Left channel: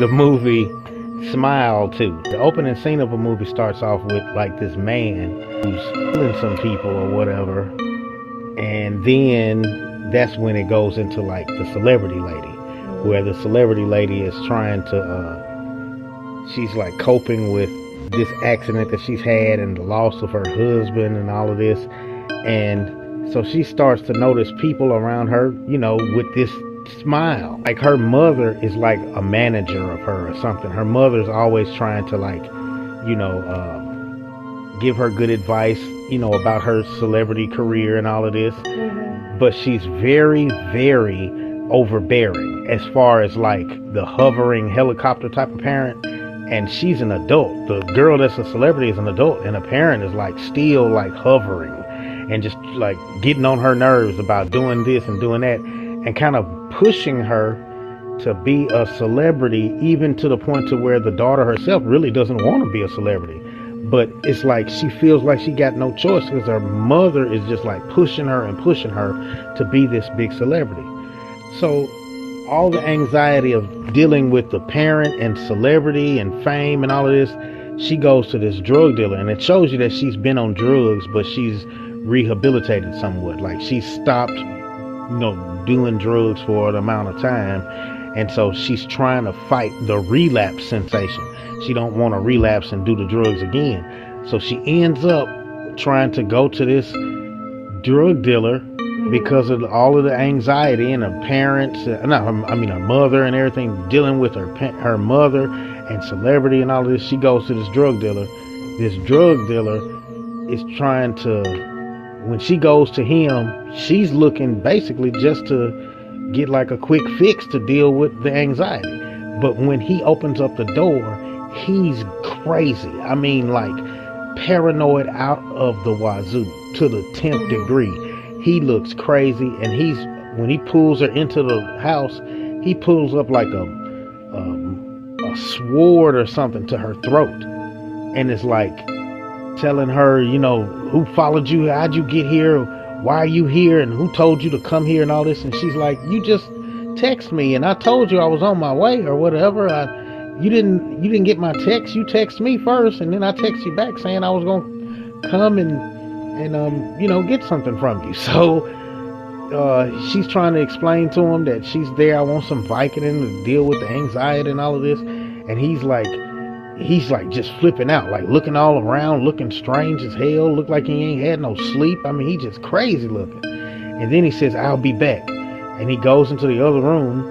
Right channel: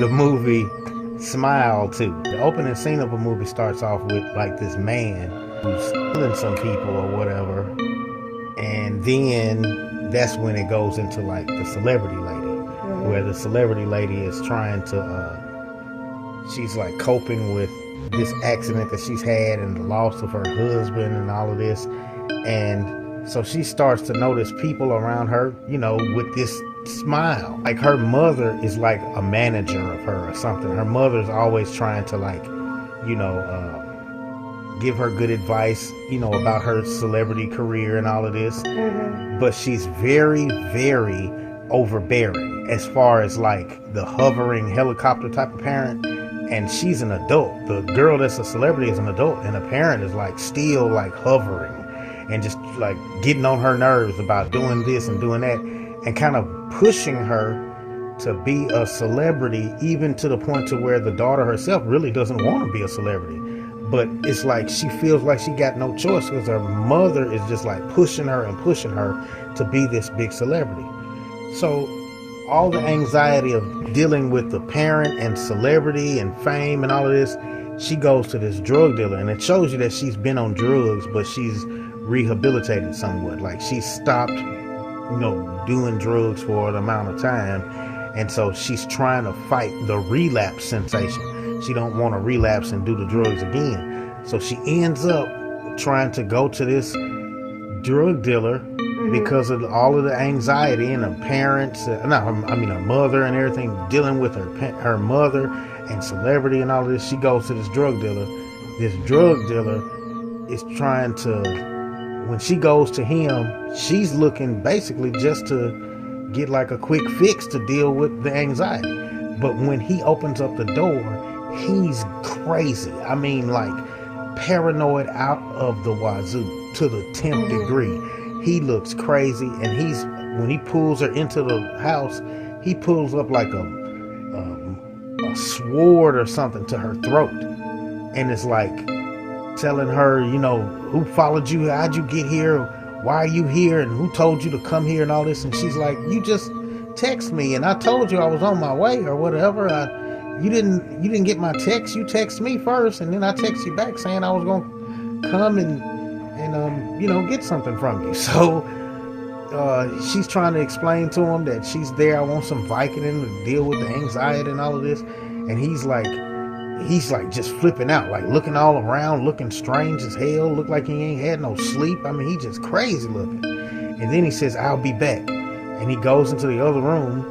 the movie Smile too. The opening scene of a movie starts off with like this man who's killing some people or whatever, and then that's when it goes into like the celebrity lady, where the celebrity lady is trying to she's like coping with this accident that she's had and the loss of her husband and all of this, and so she starts to notice people around her, you know, with this smile. Like her mother is like a manager of her or something. Her mother's always trying to like, you know, give her good advice, you know, about her celebrity career and all of this. But she's very, very overbearing as far as like the hovering helicopter type of parent. And she's an adult. The girl that's a celebrity is an adult, and a parent is like still like hovering and just like getting on her nerves about doing this and doing that, and kind of pushing her to be a celebrity, even to the point to where the daughter herself really doesn't want to be a celebrity. But it's like she feels like she got no choice because her mother is just like pushing her to be this big celebrity. So all the anxiety of dealing with the parent and celebrity and fame and all of this, she goes to this drug dealer, and it shows you that she's been on drugs, but she's rehabilitated somewhat. Like she's stopped, you know, doing drugs for an amount of time, and so she's trying to fight the relapse sensation. She don't want to relapse and do the drugs again, so she ends up trying to go to this drug dealer because of all of the anxiety and her parents, her mother and everything, dealing with her mother and celebrity and all of this. She goes to this drug dealer. This drug dealer is trying to, when she goes to him, she's looking basically just to get like a quick fix to deal with the anxiety. But when he opens up the door, he's crazy. I mean, like paranoid out of the wazoo to the 10th degree. He looks crazy, and when he pulls her into the house, he pulls up like a sword or something to her throat, and it's like telling her, you know, who followed you, how'd you get here, why are you here, and who told you to come here and all this. And she's like, you just text me and I told you I was on my way or whatever. You didn't get my text. You text me first, and then I text you back saying I was gonna come and you know, get something from you. So she's trying to explain to him that she's there. I want some Vicodin to deal with the anxiety and all of this. And he's like just flipping out, like looking all around, looking strange as hell, look like he ain't had no sleep. I mean, he just crazy looking. And then he says, I'll be back. And he goes into the other room,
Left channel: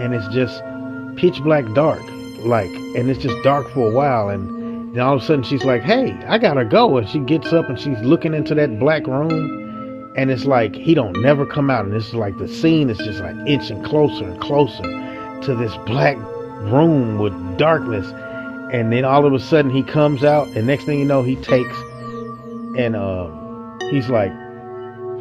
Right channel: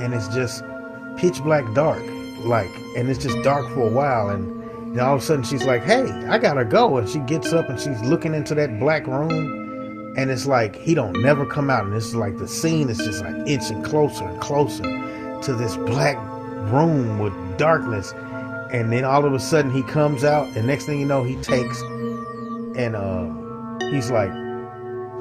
and it's just pitch black dark, like, and it's just dark for a while. And then all of a sudden she's like, hey, I gotta go. And she gets up and she's looking into that black room, and it's like he don't never come out. And it's like the scene is just like inching closer and closer to this black room with darkness. And then all of a sudden he comes out, and next thing you know, he takes and he's like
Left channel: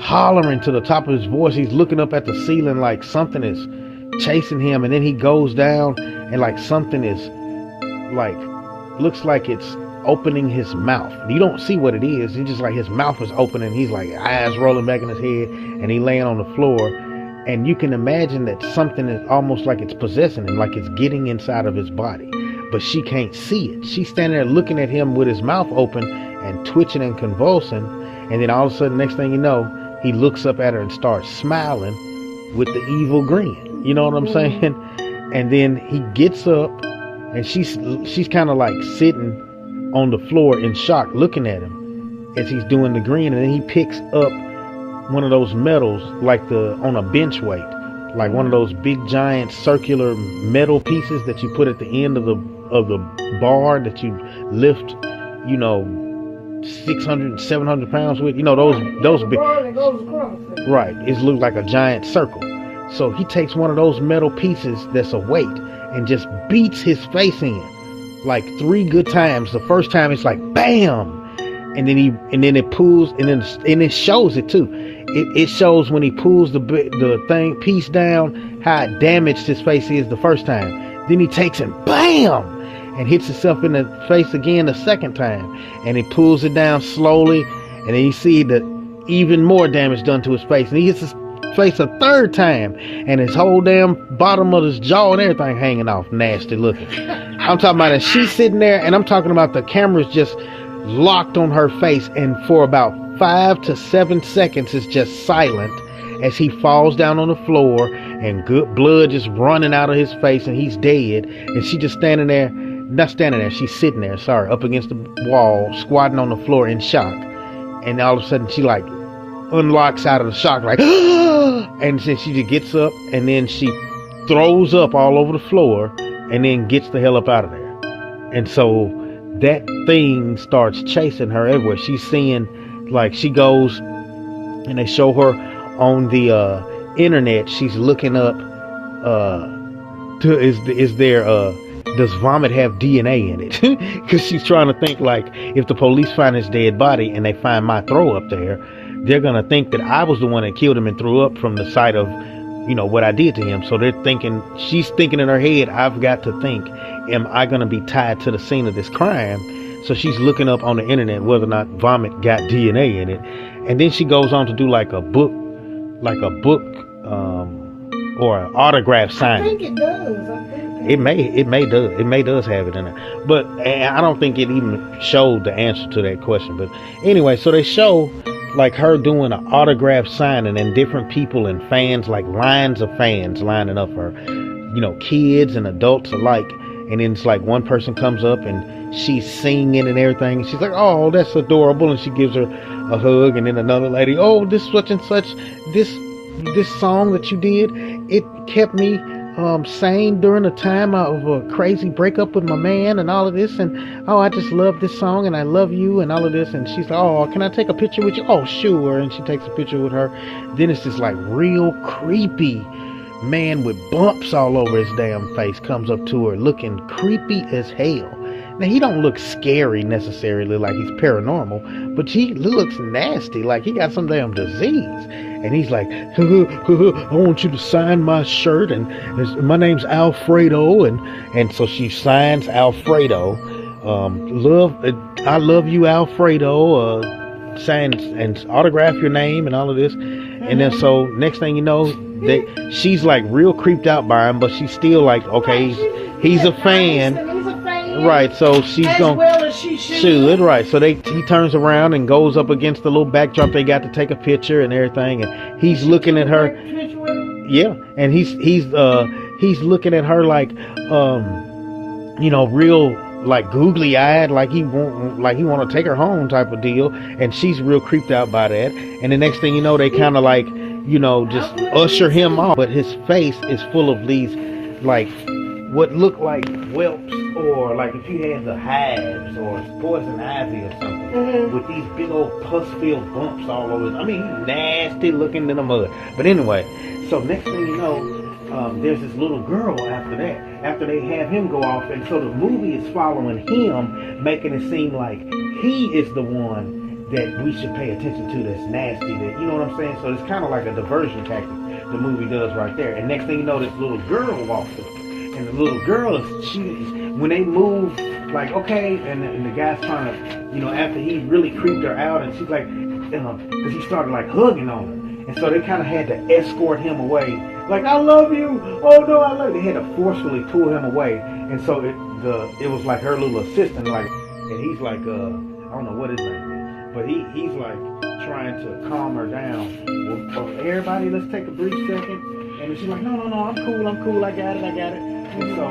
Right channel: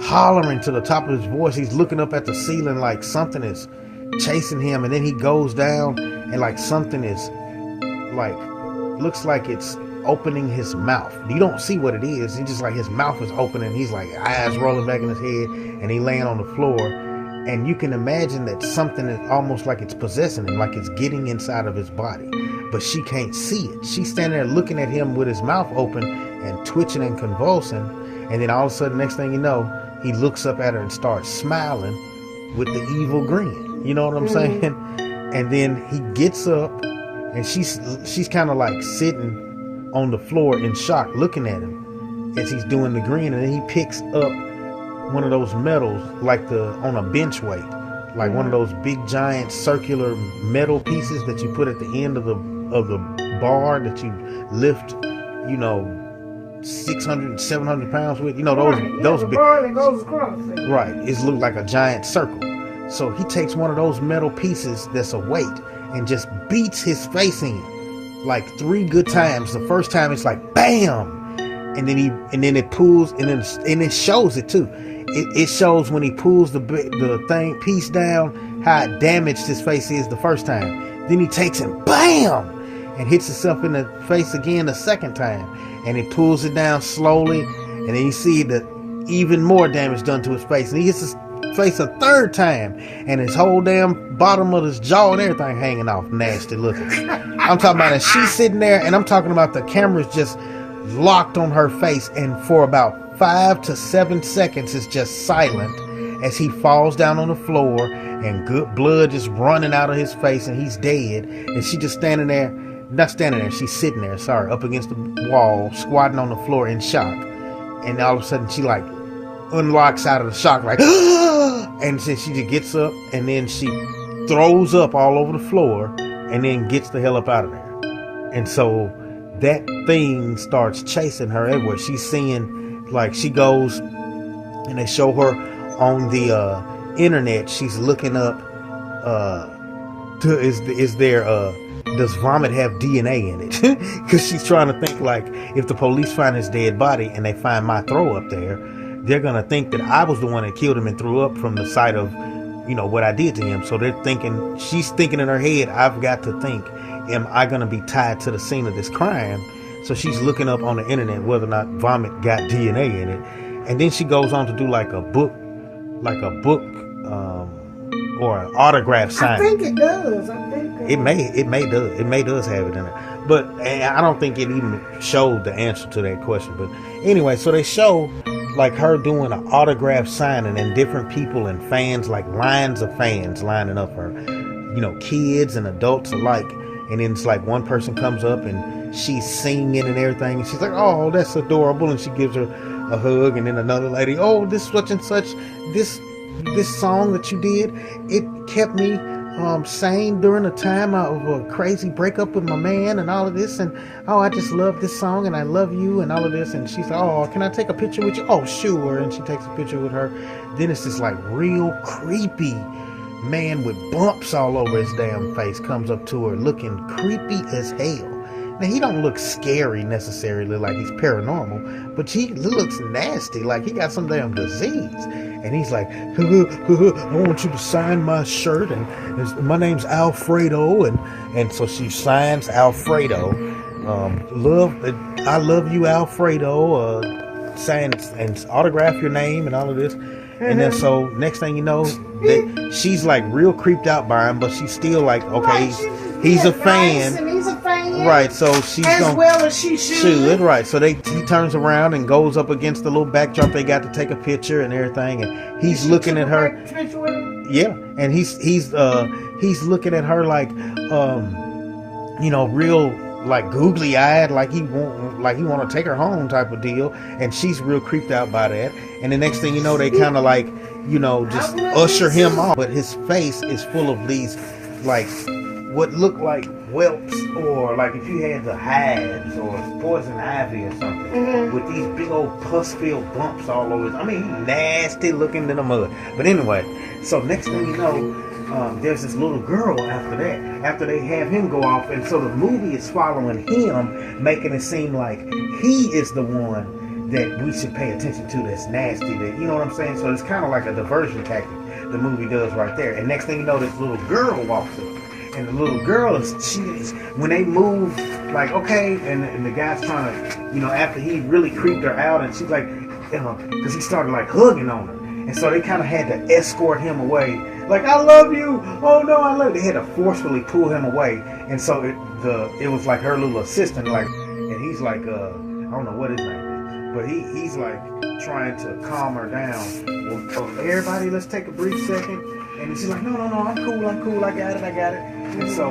hollering to the top of his voice. He's looking up at the ceiling like something is chasing him. And then he goes down, and like something is like, looks like it's opening his mouth. You don't see what it is. It's just like his mouth is opening. He's like eyes rolling back in his head, and he laying on the floor. And you can imagine that something is almost like it's possessing him, like it's getting inside of his body, but she can't see it. She's standing there looking at him with his mouth open and twitching and convulsing. And then all of a sudden, next thing you know, he looks up at her and starts smiling with the evil grin. You know what I'm saying? And then he gets up, and she's kind of like sitting on the floor in shock, looking at him as he's doing the grin. And then he picks up one of those metals, like on a bench weight, like one of those big giant circular metal pieces that you put at the end of the bar that you lift, you know, 600, 700 pounds with, you know, those big, right? It looks like a giant circle. So he takes one of those metal pieces that's a weight and just beats his face in like 3 good times. The first time it's like bam, and then it pulls, and it shows it too. It shows when he pulls the piece down how it damaged his face is the first time. Then he takes and bam, and hits himself in the face again the second time, and he pulls it down slowly, and then you see the even more damage done to his face, and he hits his face a third time, and his whole damn bottom of his jaw and everything hanging off, nasty looking. I'm talking about it. She's sitting there, and I'm talking about the camera's just locked on her face, and for about 5 to 7 seconds it's just silent as he falls down on the floor and good blood just running out of his face and he's dead, and she just standing there, not standing there, she's sitting there, up against the wall, squatting on the floor in shock. And all of a sudden she like unlocks out of the shock like and then she just gets up, and then she throws up all over the floor and then gets the hell up out of there. And so that thing starts chasing her everywhere. She's seeing, like, she goes and they show her on the internet. She's looking up does vomit have DNA in it? Because she's trying to think, like, if the police find his dead body and they find my throw up there, they're gonna think that I was the one that killed him and threw up from the sight of, you know, what I did to him. So she's thinking in her head, I've got to think, am I going to be tied to the scene of this crime? So she's looking up on the internet whether or not vomit got DNA in it. And then she goes on to do like a book or an autograph signing. I think it does. It may does have it in it. But I don't think it even showed the answer to that question. But anyway, so they show like her doing an autograph signing, and different people and fans, like lines of fans lining up for her, you know, kids and adults alike. And then it's like one person comes up and she's singing and everything, and she's like, oh, that's adorable, and she gives her a hug. And then another lady, oh, this such and such, this song that you did, it kept me sane during a time of a crazy breakup with my man and all of this, and oh, I just love this song and I love you and all of this. And she's like, oh, can I take a picture with you? Oh, sure. And she takes a picture with her. Then it's this like real creepy man with bumps all over his damn face comes up to her looking creepy as hell. Now, he don't look scary necessarily, like he's paranormal, but he looks nasty, like he got some damn disease. And he's like, I want you to sign my shirt, and my name's Alfredo. And so she signs Alfredo. I love you, Alfredo. Signs and autograph your name and all of this. And then so next thing you know, she's like real creeped out by him, but she's still like, okay, he's a fan. And he's a fan. Right, so she's as well as she should. Right, so he turns around and goes up against the little backdrop they got to take a picture and everything, and he's looking at her. Yeah, and he's looking at her like, you know, real like googly eyed, like he want to take her home type of deal, and she's real creeped out by that. And the next thing you know, they kind of like, you know, just usher him off, but his face is full of these like what look like whelps, or like if you had the hives or poison ivy or something, with these big old pus-filled bumps all over. I mean, he's nasty looking in the mud. But anyway, so next thing you know, there's this little girl after that, after they have him go off, and so the movie is following him, making it seem like he is the one that we should pay attention to, that's nasty, that, you know what I'm saying? So it's kind of like a diversion tactic the movie does right there. And next thing you know, this little girl walks up, and the little girl is when they move, like, okay, and the guy's trying to, you know, after he really creeped her out, and she's like, because he started like hugging on her, and so they kind of had to escort him away, like, I love you, oh no, I love you. They had to forcefully pull him away. And so it was like her little assistant, like, and he's like, I don't know what his name is, but he's like trying to calm her down. Well, everybody, let's take a brief second. And she's like, no, I'm cool, I got it. And so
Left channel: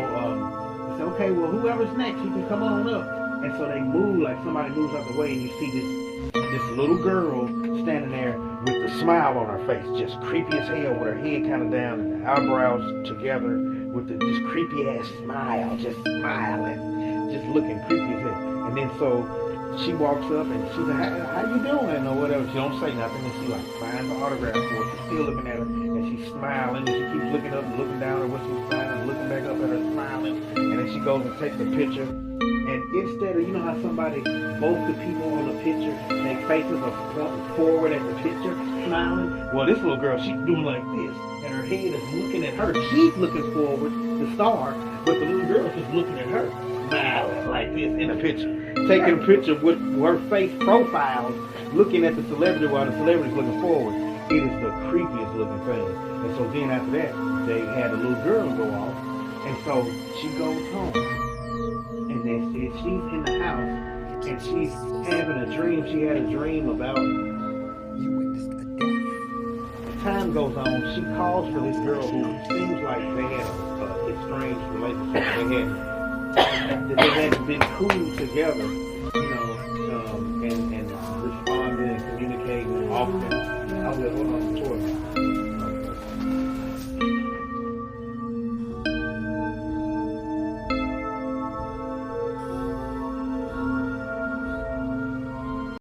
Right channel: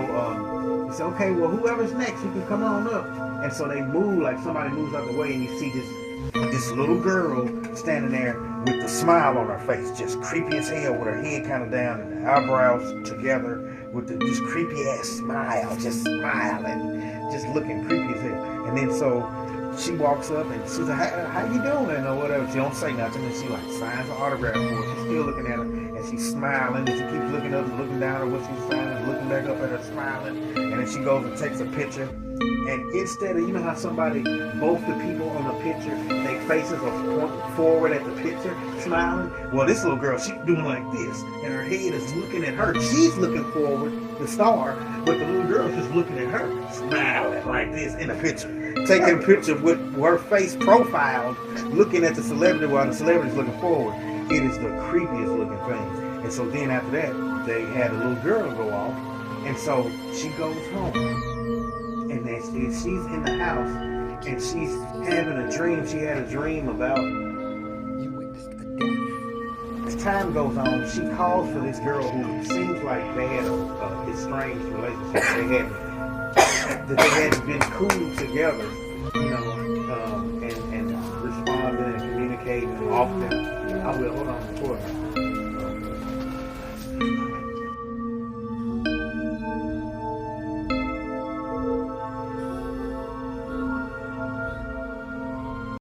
he said, okay, well, whoever's next, you can come on up. And so they move, like somebody moves out the way, and you see this little girl standing there with the smile on her face, just creepy as hell, with her head kind of down and her eyebrows together, with this creepy ass smile, just smiling, just looking creepy as hell. And then so she walks up and she's like, how you doing, or whatever. She don't say nothing, and she like signs the autograph for her. She's still looking at her, and she's smiling, and she keeps looking up and looking down at what she's signing, looking back up at her, smiling. And then she goes and takes a picture. And instead of, you know how both the people on the picture, their faces are pointing forward at the picture, smiling? Well, this little girl, she's doing like this, and her head is looking at her. She's looking forward, the star, but the little girl's just looking at her, smiling like this in the picture. Taking a picture with her face profiled, looking at the celebrity while the celebrity's looking forward. It is the creepiest looking thing. And so then after that, they had a little girl go off, and so she goes home, and then she's in the house, and she's having a dream. She had a dream about. As time goes on, she calls for this girl who seems like they had a estranged relationship. They hadn't been cool together, you know, and responding and communicating often. I will hold on for a minute.